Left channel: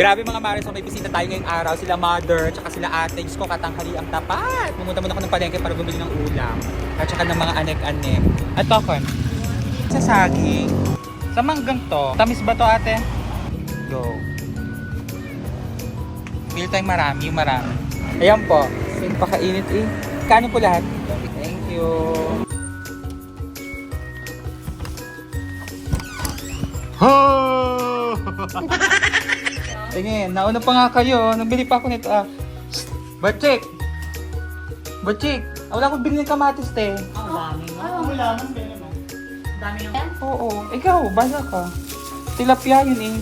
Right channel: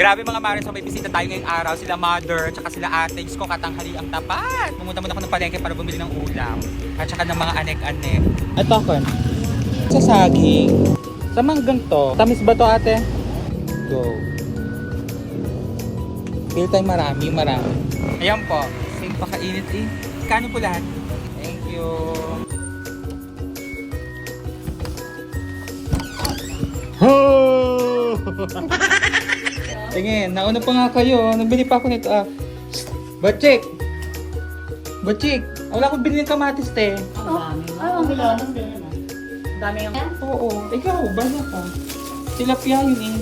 Grabe mga Mare, so may bisita tayo ngayong araw. Sila mother, tsaka sila ate. Diyos ko, katanghali ang tapat. Pumunta muna ako ng palengke para bumili ng ulam. At tsaka ng mga anek-anek. At popcorn. Sa saging. Sa manggang to. Tamis ba to ate? Go. Feel tayo marami. Ayan po. Sige, pakainit eh. Kano po lahat? Thank you. Tingin, nauna pa nga kayo. Nabili pa ako nito. Batchik! Wala akong binili ng kamatis, te. Dami yung... Oo. Ikaw, bala ka. Tilapia yun eh.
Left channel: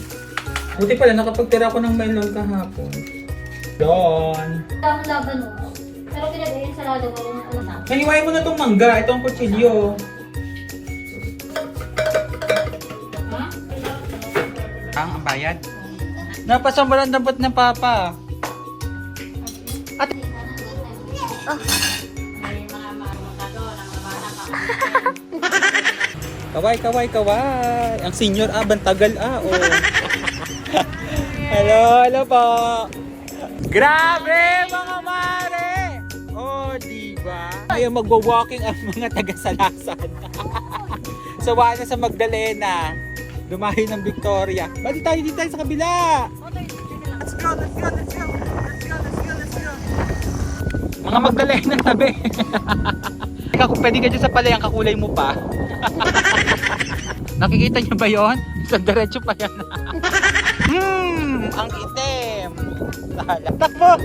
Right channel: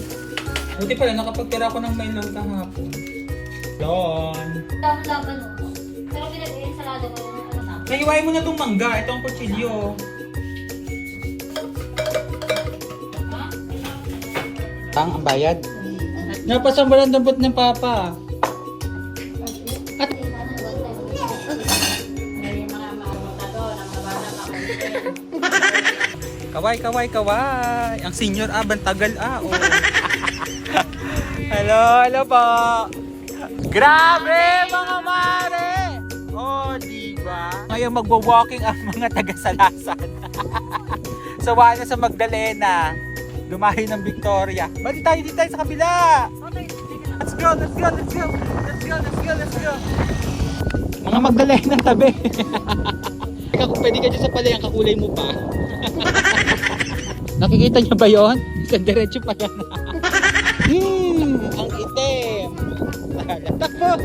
Buti pala, nakapagtira ako ng melon kahapon. Yon. Ang laban mo. Pero pinag-iin sa lado ko yung ano na. Naiwain mo na itong mangga. Itong kutsilyo. Ang bayad. Napasambalan dapat ng papa. At May mga mamutado ng nabana ka. kaway. Ang senior bantagal oh. Hello po. Grabe mga mare. Oh, diba? Ngayon magwa-walking ang mga taga-Salasan. Sawa na sa Magdalena. Dumahi ng Victoria. Bali tayo dito sa kabila. Let's go. Mga Magdalena tabi. Pwede ka dyan sa palayang kakulay mo pa. Nakikita niyo ba yon? Isang diretso pa yan. Ang itim. Takbo.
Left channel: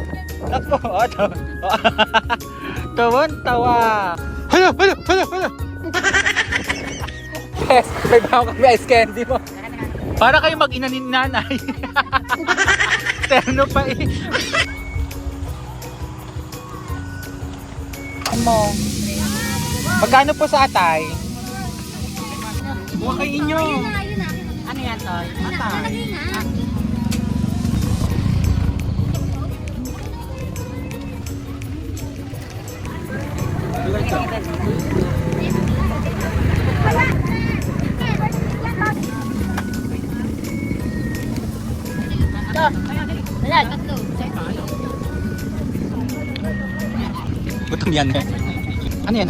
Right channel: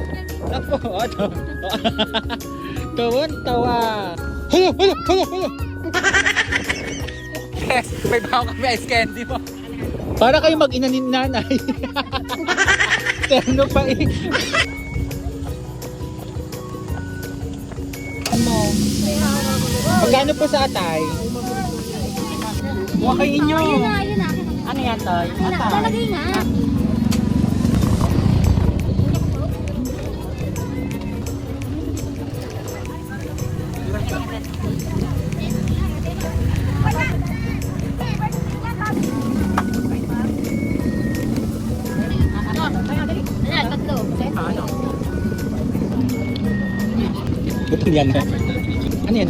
Tawan-tawa. Hala. Yes, may bago kami ice candy mo. Para kayo mag-ina ni nanay. Terno pa eh. Ano? Magkano po sa atay? Huwag kayo inyo. Ayun na. Ano yan, Toy? Lalagay na. Ayan, tatlo. Gutom yan eh. Ano yan?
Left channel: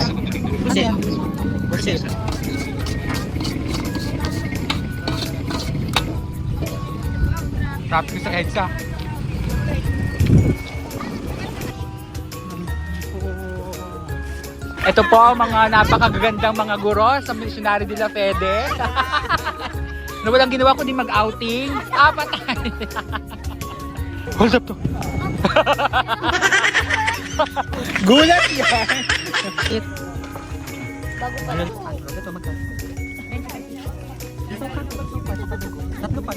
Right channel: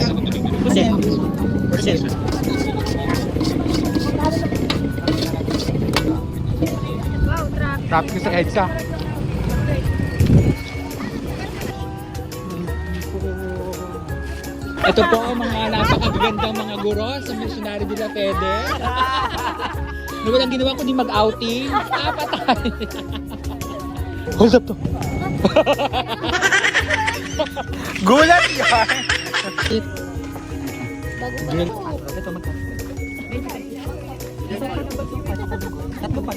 Percent. Tapos sa EDSA. Ito po ang mga napakagandang mga guro sa Missionary de la Fede. Na walang ginawa kundi mag-outing. Patay. Hold up to. Gulat yan. Ito magkano? Tatlo pa.